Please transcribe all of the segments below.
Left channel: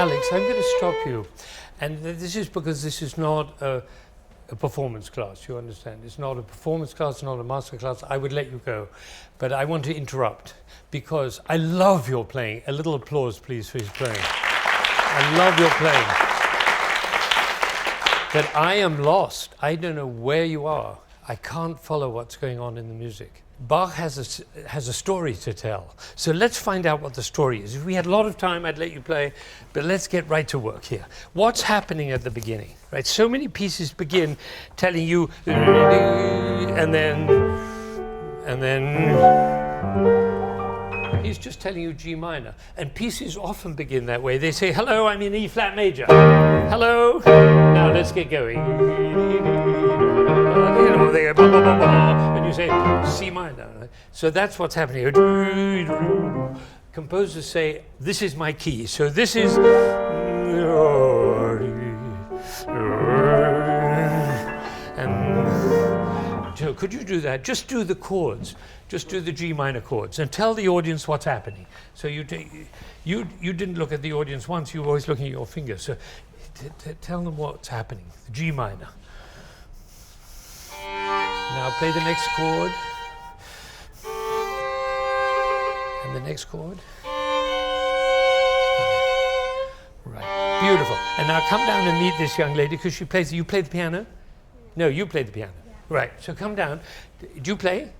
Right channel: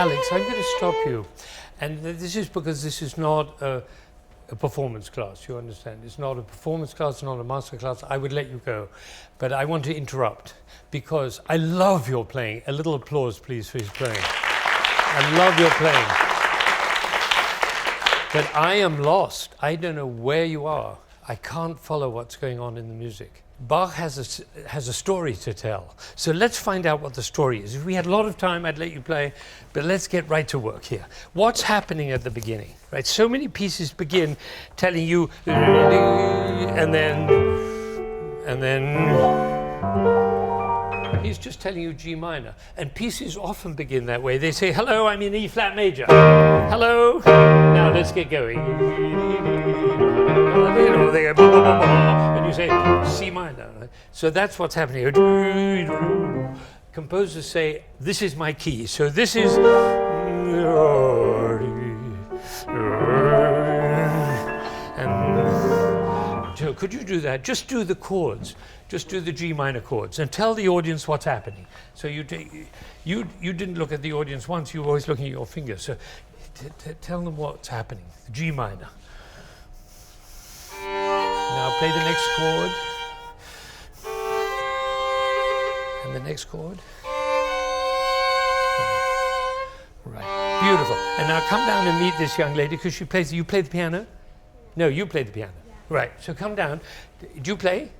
Alex, I'm going to stop you. And this is because this is not a performance class, you understand? It's not a performance class, not a master class. I would let you go. But I want to interrupt because I love your playing. A little applause, please, for his playing. I love your playing. But I am lost. I don't know where you are. I can't follow what's going on in the music. Bach has a story to tell. So let's find out what the story is. If we had a lot of time, I'd let you play, but let's get right to work here. What's happening at the beginning, right? So many pieces begin telling you, and then he's just telling you G minor. And pieces often begin that way. They say, hello, I'm in E flat major. Hello, now let's get going. And you say C minor. Right? So that's what's happening. Composers say, this is my key. So this is... And so could you do that? Just do the chords. Just do the G minor chords and tell the audience what's happening. So you didn't look at the audience once, you were always looking at your fingers. So tell them what's happening, the G minor. Now play the next chord. And the next chord. Right, beautiful. And now come down and meet this young lady because she plays, you play the piano? No, you play the piano. Yeah. Right, so come down. Do you play?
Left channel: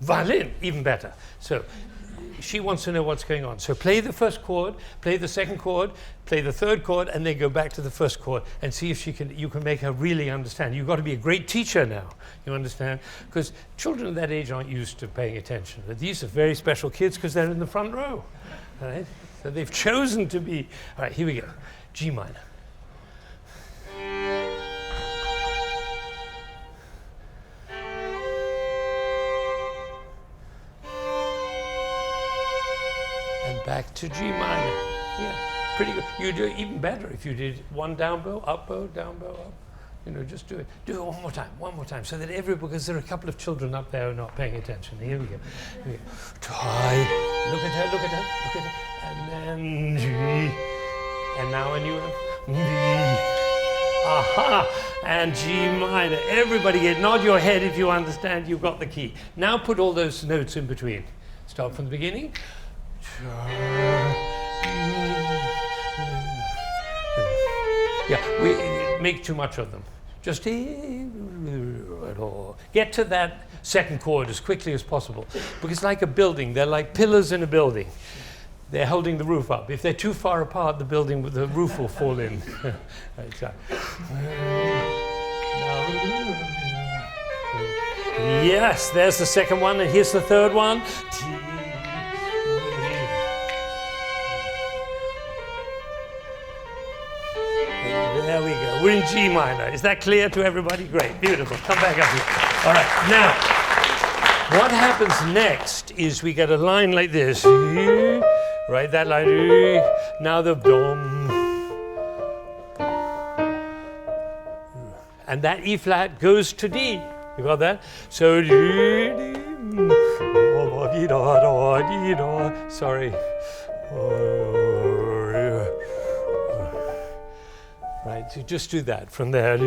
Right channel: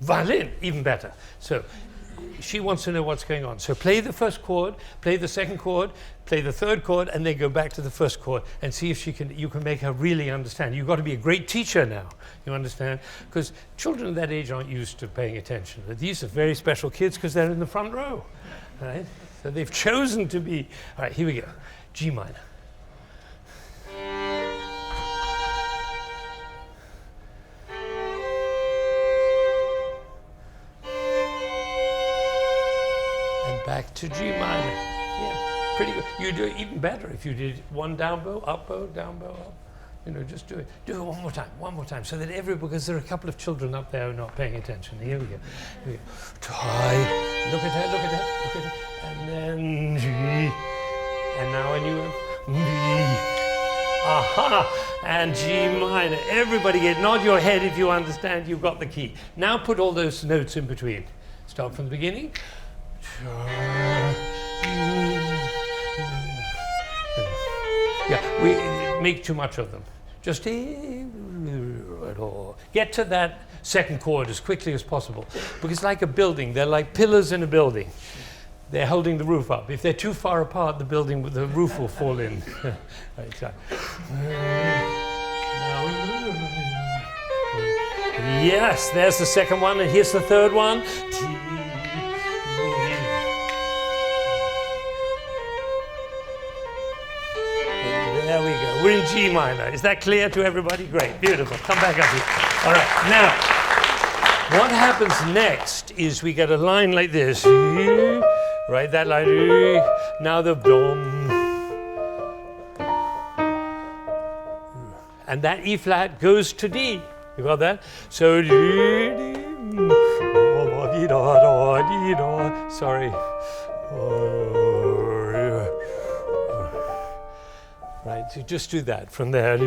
Violin, even better. So she wants to know what's going on. So play the first chord, play the second chord, play the third chord, and then go back to the first chord and see if you can make her really understand. You've got to be a great teacher now, you understand? Because children of that age aren't used to paying attention. But these are very special kids because they're in the front row, right? So they've chosen to be. All right, here we go. G minor. Back to G minor. Yeah, pretty good. You do it even better if you did one down bow, up, up. You know, just do it. Do it one more time, so that because there are a couple of children up there who are not paying attention. Here we go. Try. Look at her. And then G. And now a new one. G. Aha! And G minor. Everybody nod your head if you understand you've got the key. Now put all those notes in between. Start from the beginning. Yeah, we make too much of them. Just get to that second chord as quickly as possible. Because it's like a building. They're like pillars in a building. They're holding the roof up. If they're too far apart, the roof will fall in. Right, so. Yes, there's the second one, and here's the third one. There we go. We're in G minor. Is that clear to everybody? Great. Beautiful. Come back up here. All right. Now, what happens next is we get a line like this. Right? That line. Now the dom. And that E flat goes to D. You got that? So sorry. Right, so just do that from there.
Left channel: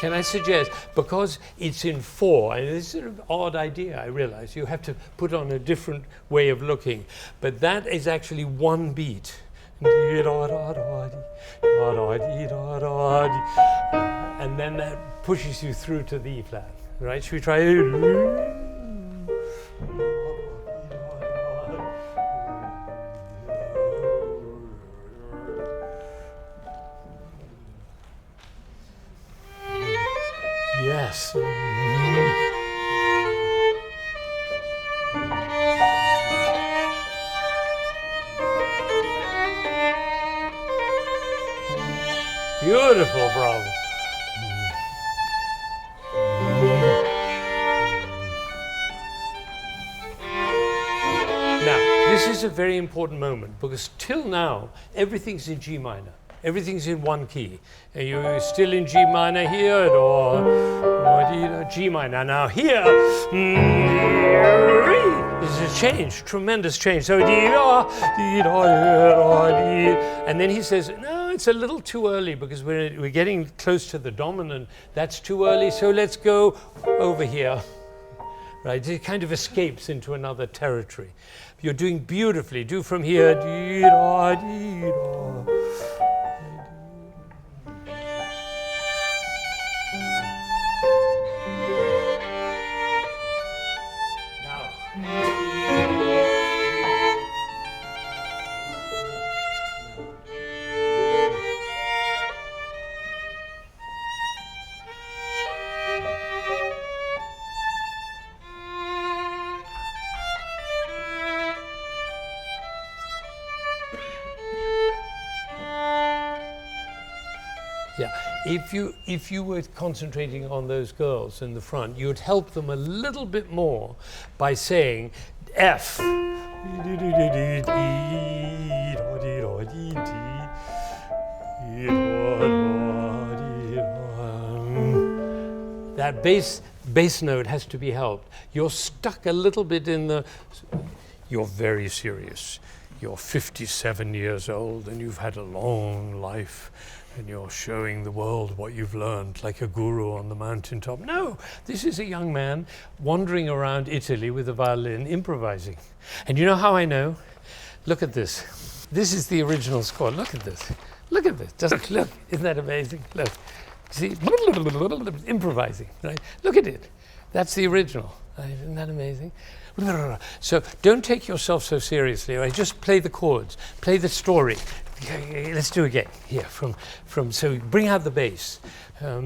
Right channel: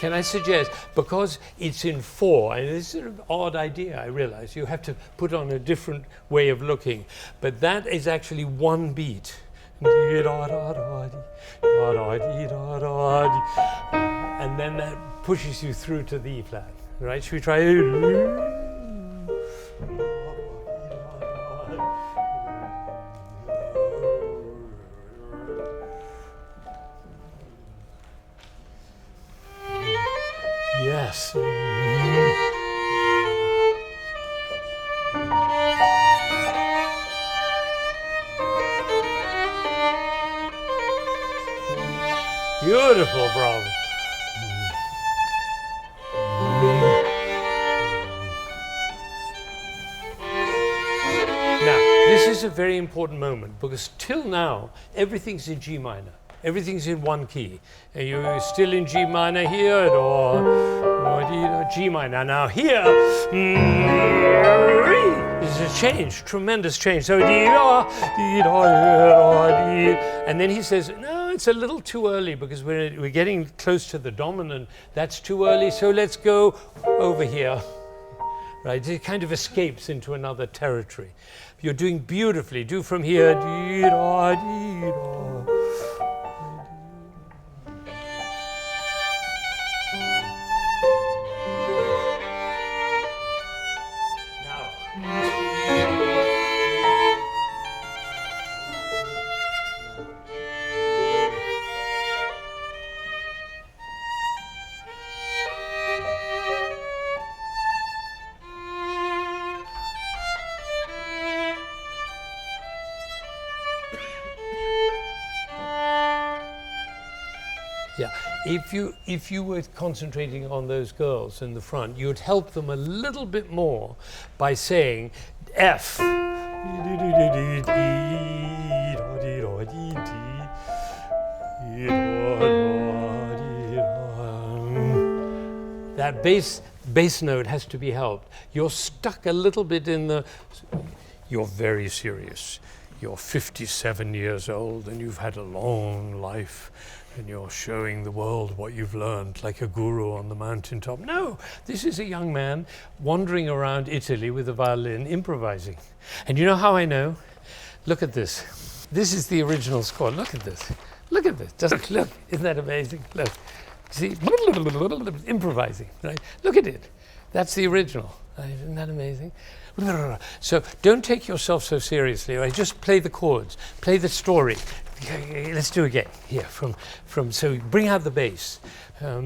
Can I suggest, because it's in 4, and it's sort of an odd idea, I realize, you have to put on a different way of looking, but that is actually one beat. And then that pushes you through to the E flat, right? Should we try? Yes. Beautiful, bravo. Now, this is a very important moment because till now, everything's in G minor. Everything's in one key. And you're still in G minor here, or G minor. Now here, there's a change, tremendous change. So and then he says, no, it's a little too early because we're getting close to the dominant. That's too early, so let's go over here. Right, it kind of escapes into another territory. You're doing beautifully. Do from here. Yeah, if you were concentrating on those girls in the front, you'd help them a little bit more by saying F. That bass note has to be helped. You're stuck a little bit in the. You're very serious. You're 57 years old and you've had a long life. And you're showing the world what you've learned, like a guru on the mountaintop. No, this is a young man wandering around Italy with a violin, improvising. And you know how I know? Look at this. This is the original score. Look at this. Look at this. Just look. Isn't that amazing? Look. See? Improvising. Right? Look at it. That's the original. Right? Isn't that amazing? So don't take yourself so seriously. Right? Just play the chords. Play the story. Let's do it again. Here, from so bring out the bass. Now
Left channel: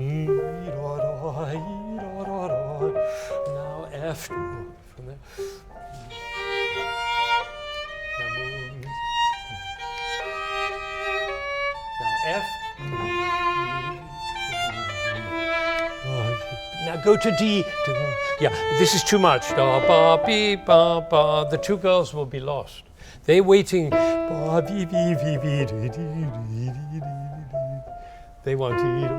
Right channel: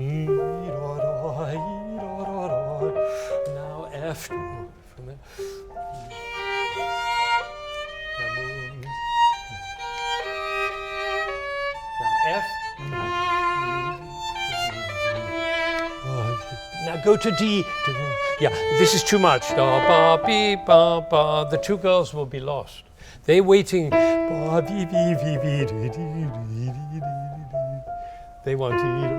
F. From there. Now F. Now go to D. Yeah, this is too much. The two girls will be lost. They're waiting. They want to eat.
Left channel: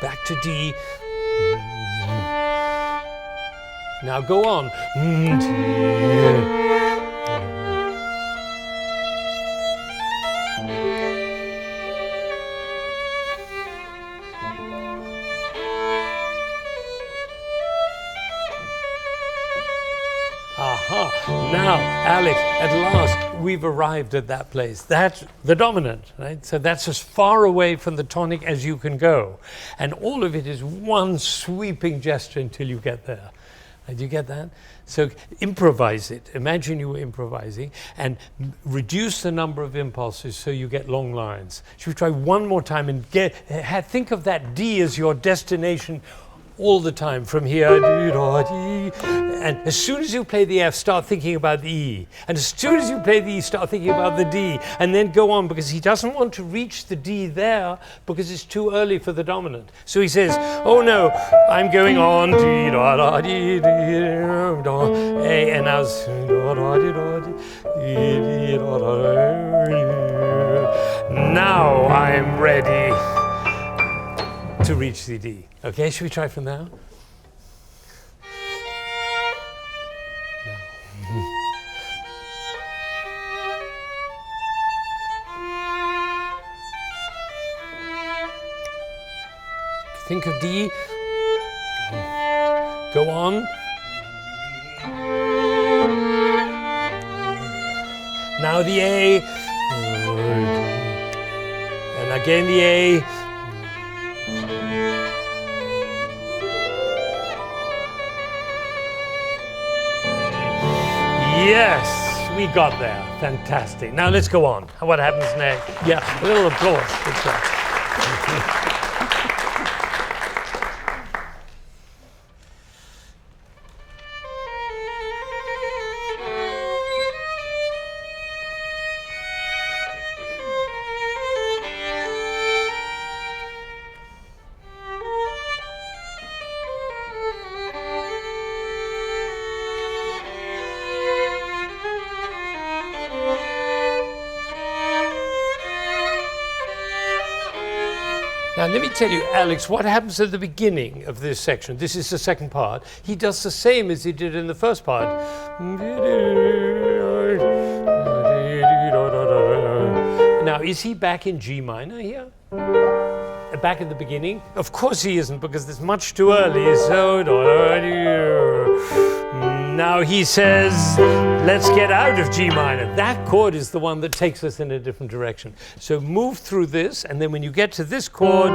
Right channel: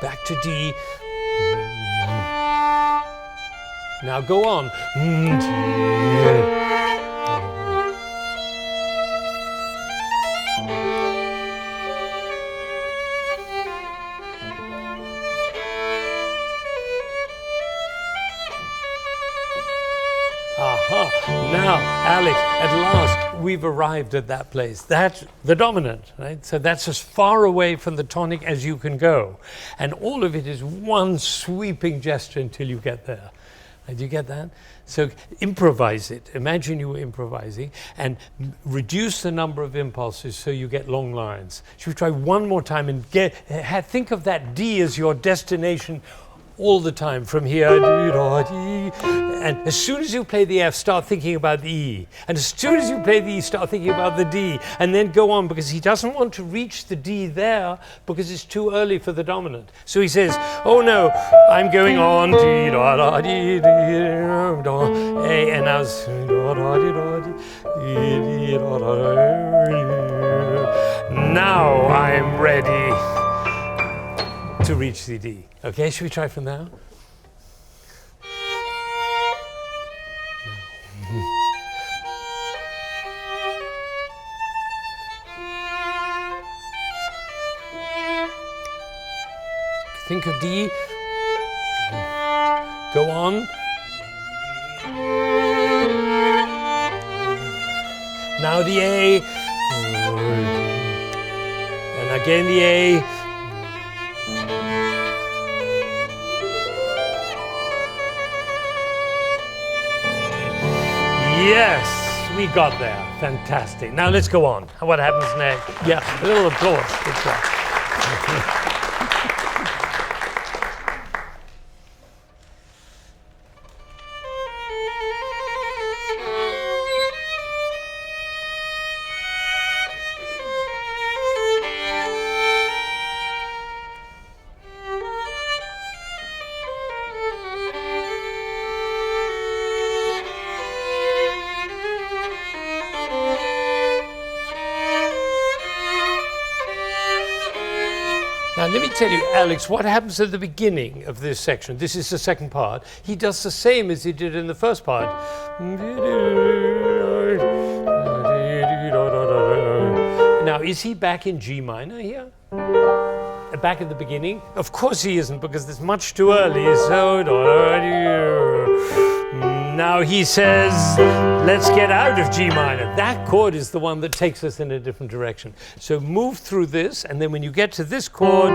Back to D. Now go on. Aha, now, Alex, at last, we've arrived at that place. That's the dominant, right? So that's as far away from the tonic as you can go. And all of it is one sweeping gesture until you get there. Do you get that? So improvise it. Imagine you were improvising and reduce the number of impulses so you get long lines. Should we try one more time and think of that D as your destination all the time from here. And as soon as you play the F, start thinking about the E. And as soon as you play the E, start thinking about the D. And then go on, because he doesn't want to reach the D there because it's too early for the dominant. So he says, oh no, I'm going on. A, and now now I'm ready to reach the D. Okay, should we try from now? No. Think of D. Go on. Now the A. And again the A. Yes, we got there. Fantastic. Now let's go on. What happens next? Yeah, a little applause. Good job. Now, let me tell you, Alex, what happens at the beginning of this section. This is the second part. He does the same as he did in the first part. Now, is he back in G minor here? Back at the beginning? Of course he isn't, because it's much too early. So now he says, let's get out of G minor. That chord is the one that takes us in a different direction. So move through this, and then when you get to this chord,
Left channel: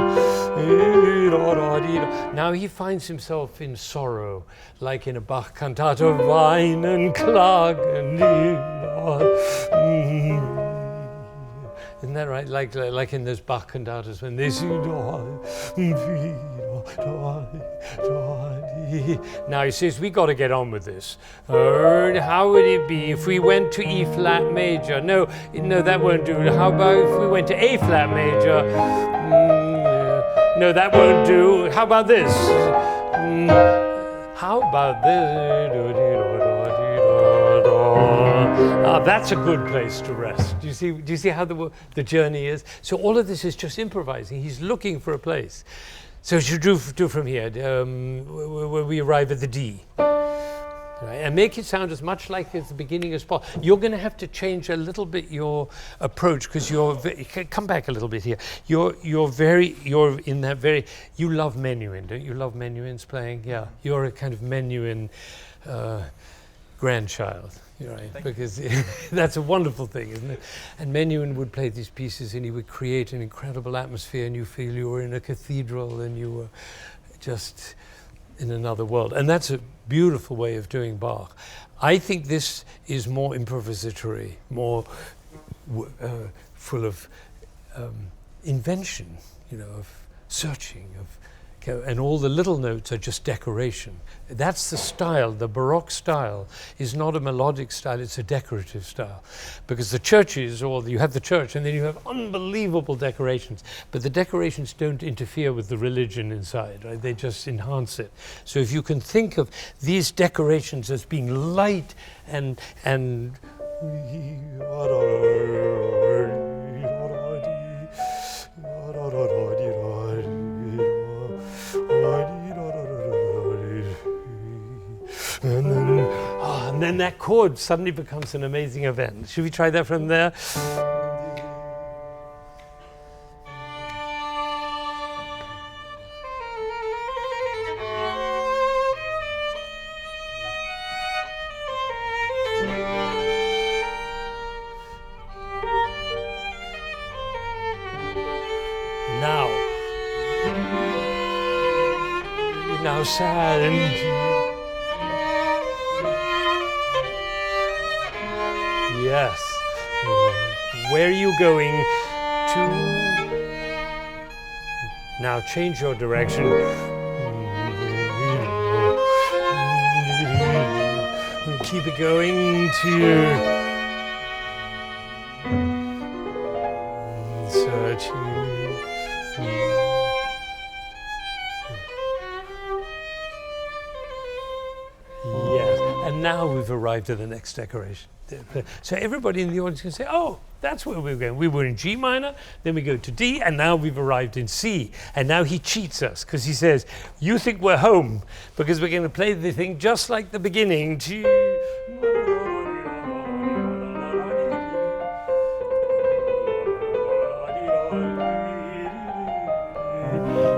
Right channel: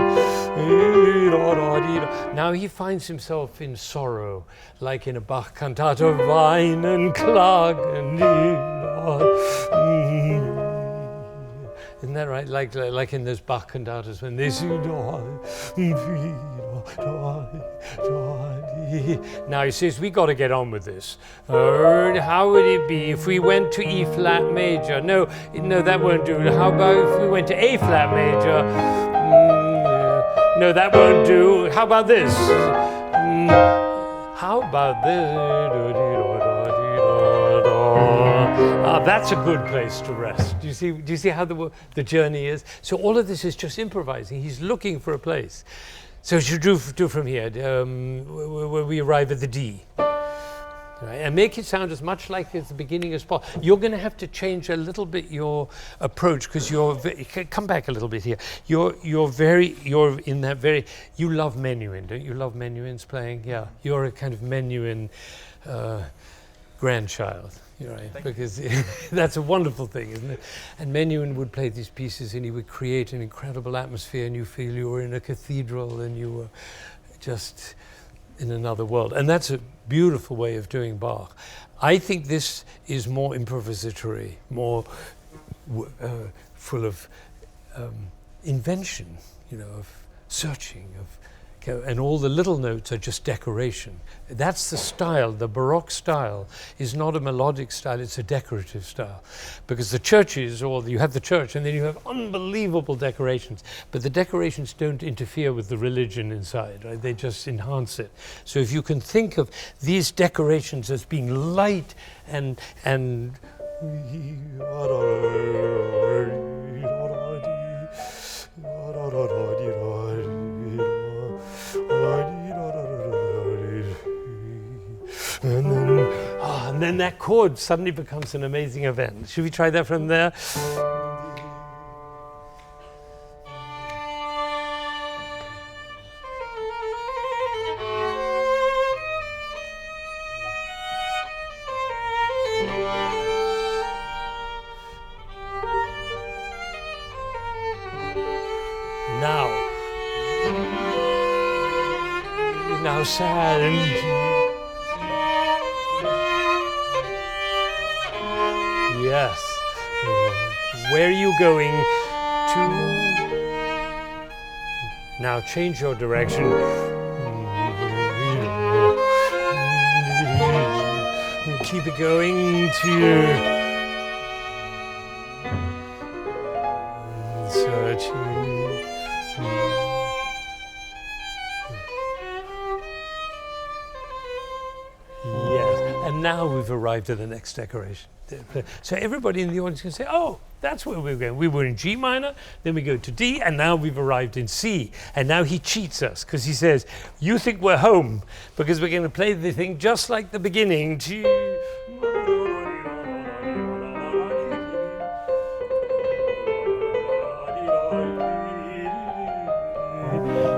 now he finds himself in sorrow, like in a Bach cantata, Weinen, Klagen. Isn't that right? Like in those Bach cantatas when they sing. Now he says, we got to get on with this. How would it be if we went to E flat major? No, that won't do. How about if we went to A flat major? No, that won't do. How about this? How about this? That's a good place to rest. Do you see how the journey is? So all of this is just improvising. He's looking for a place. So you do from here, where we arrive at the D. Right? And make it sound as much like at the beginning as possible. You're going to have to change a little bit your approach, because come back a little bit here. You're in that very, you love menuhin, don't you? Love menuhins playing? Yeah, you're a kind of menuhin grandchild. Right, because that's a wonderful thing, isn't it? And Menuhin would play these pieces and he would create an incredible atmosphere, and you feel you were in a cathedral and you were just in another world. And that's a beautiful way of doing Bach. I think this is more improvisatory, more full of invention, of searching, and all the little notes are just decoration. That's the style. The Baroque style is not a melodic style, it's a decorative style. Because the churches, or you have the church and then you have unbelievable decorations, but the decorations don't interfere with the religion inside, right? They just enhance it. So if you can think of these decorations as being light and and then that chord suddenly becomes an amazing event. Should we try that from there? Now sad and yes. Where are you going to? Now change your direction. Keep it going to searching. And now we've arrived at the next decoration. So everybody in the audience can say, oh, that's where we're going. We were in G minor, then we go to D, and now we've arrived in C. And now he cheats us, because he says, you think we're home, because we're going to play the thing just like the beginning.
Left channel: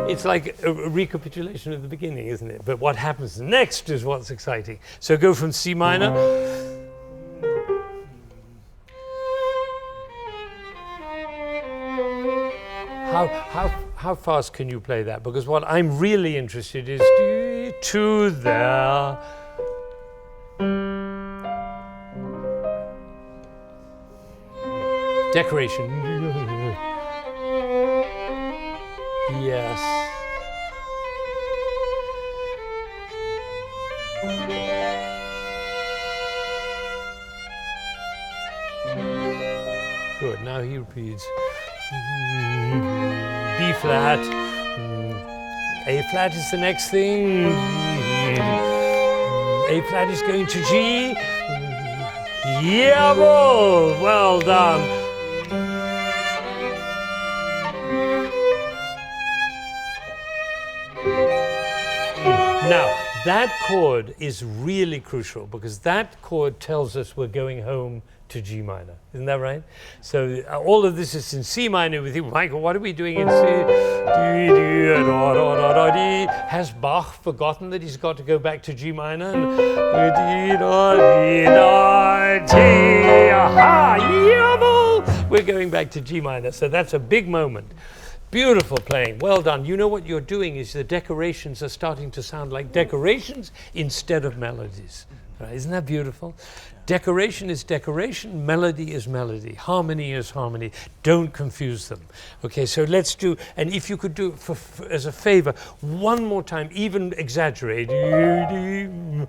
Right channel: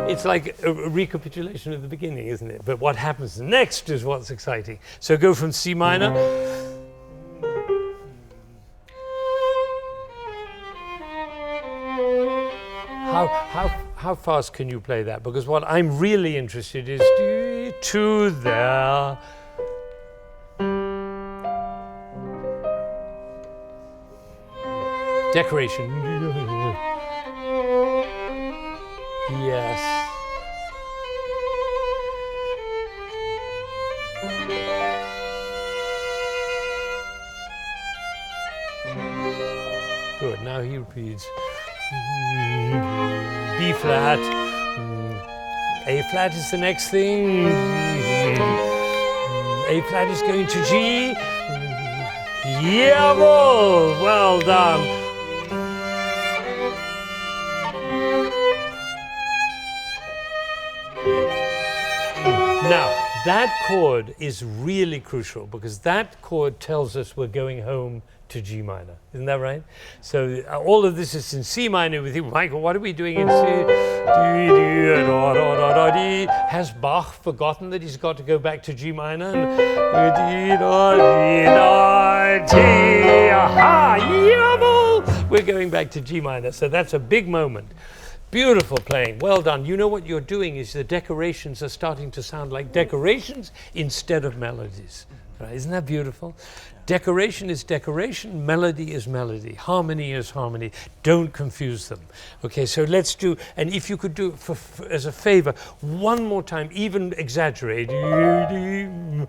It's like a recapitulation of the beginning, isn't it? But what happens next is what's exciting. So go from C minor. How fast can you play that? Because what I'm really interested is to there. Decoration. Yes. Good. Now he repeats. B flat. A flat is the next thing. A flat is going to G. Jawohl! Well done. that chord is really crucial because that chord tells us we're going home to G minor. Isn't that right? So all of this is in C minor. We think, Michael, what are we doing in C? Has Bach forgotten that he's got to go back to G minor? We're going back to G minor. So that's a big moment. Beautiful playing. Well done. You know what you're doing is the decorations are starting to sound like decorations instead of melodies. Right? Isn't that beautiful? Decoration is decoration, melody is melody, harmony is harmony. Don't confuse them. Okay, so let's do, and if you could do it as a favor, one more time, even exaggerate. And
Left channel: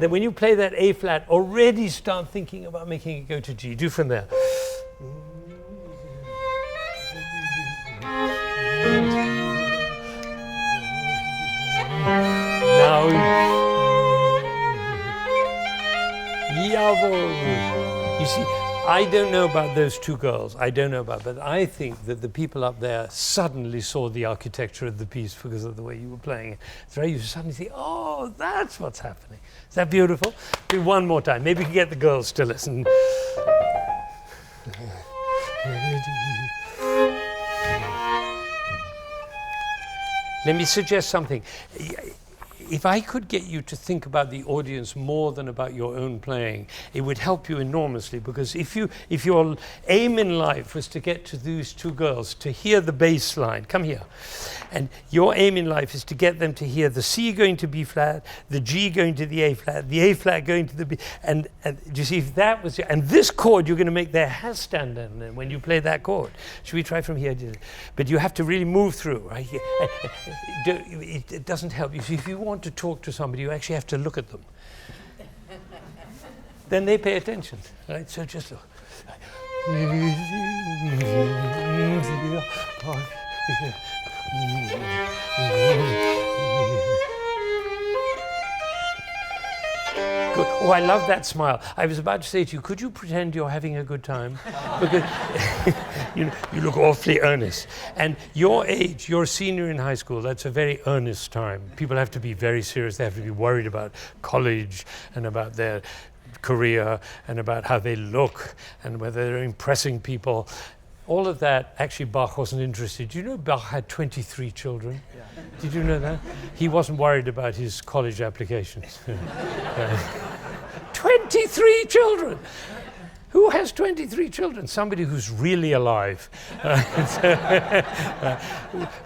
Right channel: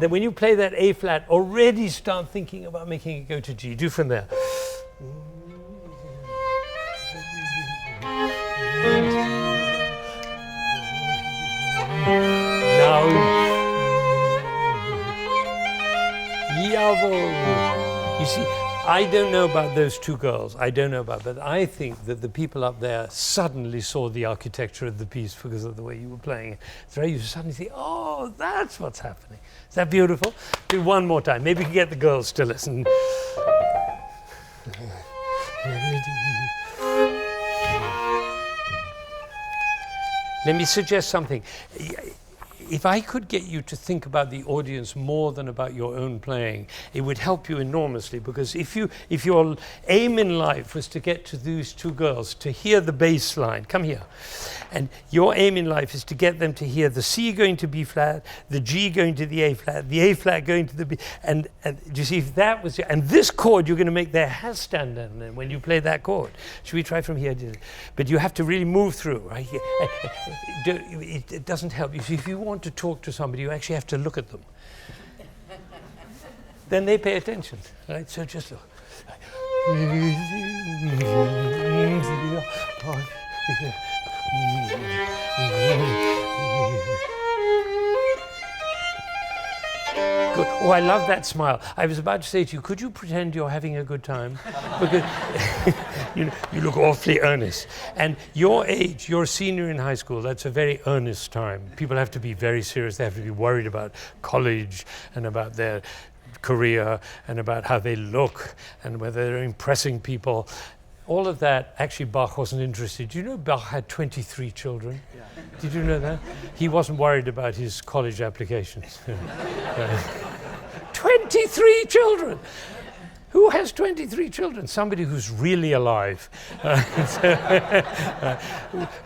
then when you play that A flat, already start thinking about making it go to G. Do from there. Now, you see, I don't know about those two girls. I don't know about, but I think that the people up there suddenly saw the architecture of the piece because of the way you were playing it. So you suddenly think, oh, that's what's happening. Is that beautiful? Do one more time. Maybe we can get the girls to listen. Let me suggest something. If I could get you to think about the audience more than about your own playing, it would help you enormously, because if your aim in life was to get to these two girls, to hear the bass line, come here, and your aim in life is to get them to hear the C going to B flat, the G going to the A flat going to the B, and do you see, if that was, and this chord, you're going to make their hair stand on when you play that chord. Should we try from here? But you have to really move through, right? It doesn't help. You see, if you want to talk to somebody, you actually have to look at them. Then they pay attention, right? So just look. Good. Oh, I love that smile. I was about to say to you, could you pretend you're having a good time? Because you look awfully earnest. And your age, you're a senior in high school, that's a very earnest time. People have to be very serious. They have to be worried about college and about their career and about how they look and whether they're impressing people. All of that, actually Bach wasn't interested. Do you know Bach had 23 children? Yeah. Did you know that? He wasn't worried about his college applications. 23 children! Who has 23 children? Somebody who's really alive.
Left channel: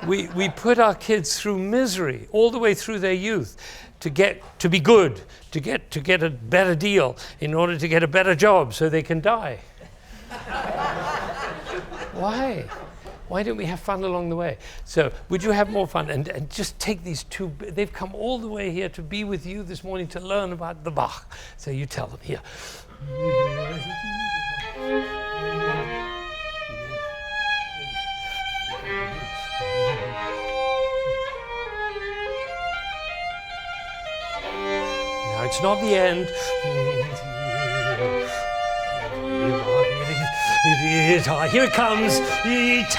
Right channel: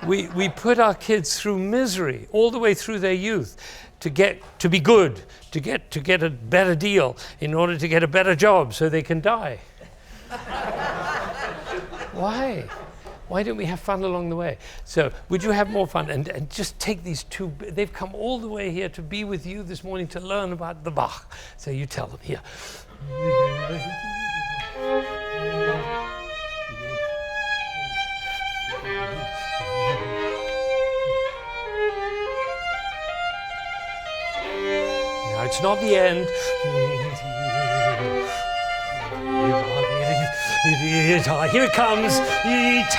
We put our kids through misery all the way through their youth to be good, to get a better deal in order to get a better job so they can die. Why? Why don't we have fun along the way? So would you have more fun and just take these two, they've come all the way here to be with you this morning to learn about the Bach. So you tell them here. Now it's not the end. Here it comes. Yes,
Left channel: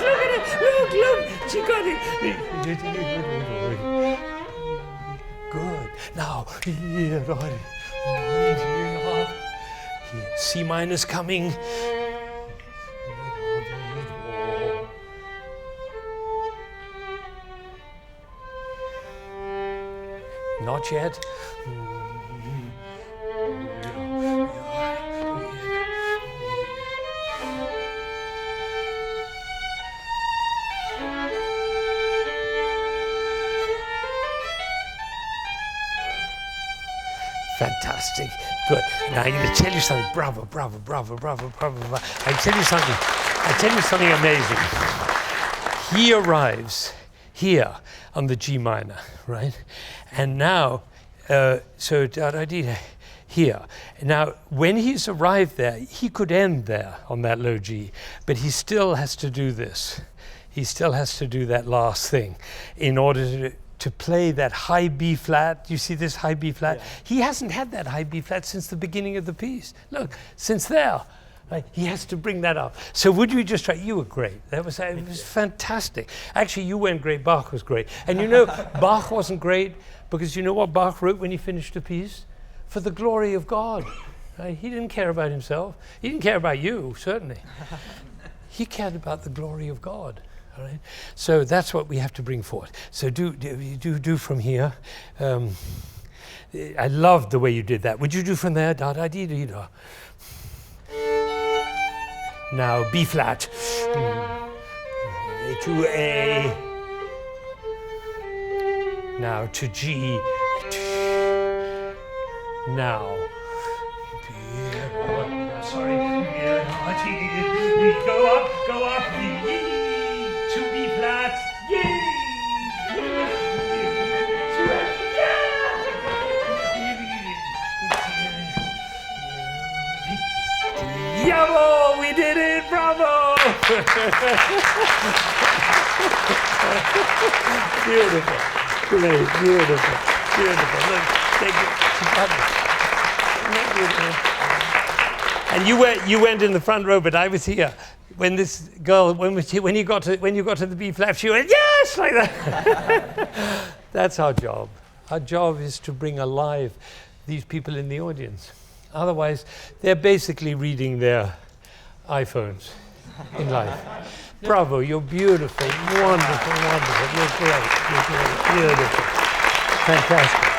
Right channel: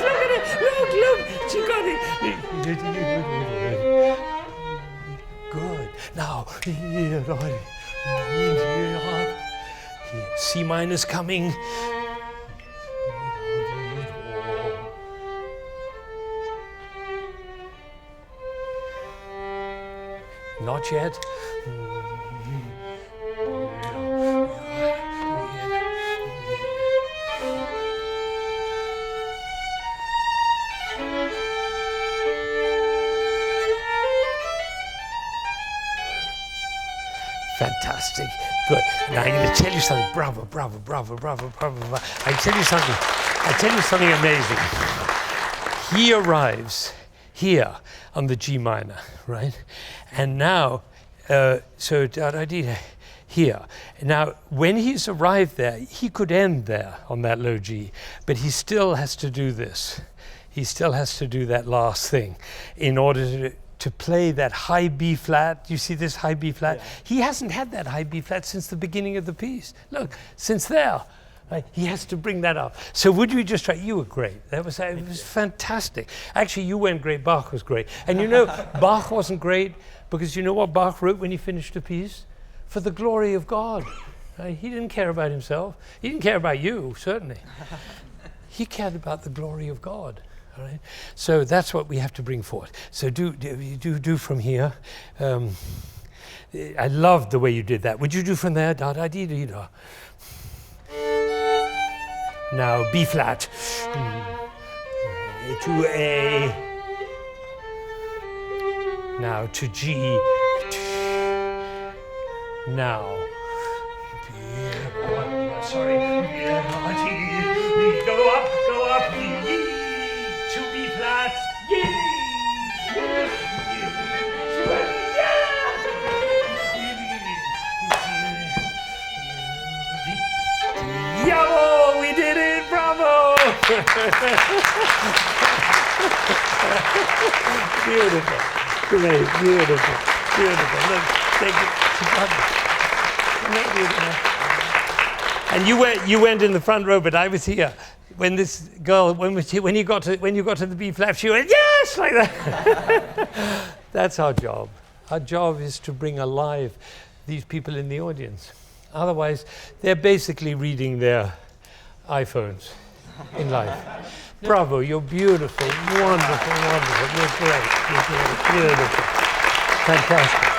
look at it. Look. She got it. Good. Now, C minor's coming. Not yet. Fantastic. Good. Now I'm going to tell you something. Bravo. I tell you something amazing. He arrives here on the G minor, right? And now, here. Now, when he's arrived there, he could end there on that low G, but he still has to do this. He still has to do that last thing in order to play that high B flat. You see this high B flat? Yeah. He hasn't had that high B flat since the beginning of the piece. Look, since there. Right? He has to bring that up. So would you just try? You were great. It was fantastic. Actually, you weren't great. Bach was great. And you know, Bach wasn't great because you know what Bach wrote when he finished a piece? For the glory of God. Right? He didn't care about himself. He didn't care about you, certainly. He cared about the glory of God. All right? So that's what we have to bring forth. So do from here. I loved the way you did that. Would you do from there? Da da dee dee da. Now B flat. A to A. Now to G. Now. Sorry. Go up. To B flat. Yabo, we did it, bravo! Beautiful, great, beautiful. Look, thank you. She got it. Isn't that beautiful? And you went in the front row, but I was here. When this girl, when you got to the B flat, she went, yes, like that. That's our job. Our job is to bring alive these people in the audience. Otherwise, they're basically reading their iPhones in life. Bravo, you're beautiful, wonderful. You're great, beautiful. Fantastic.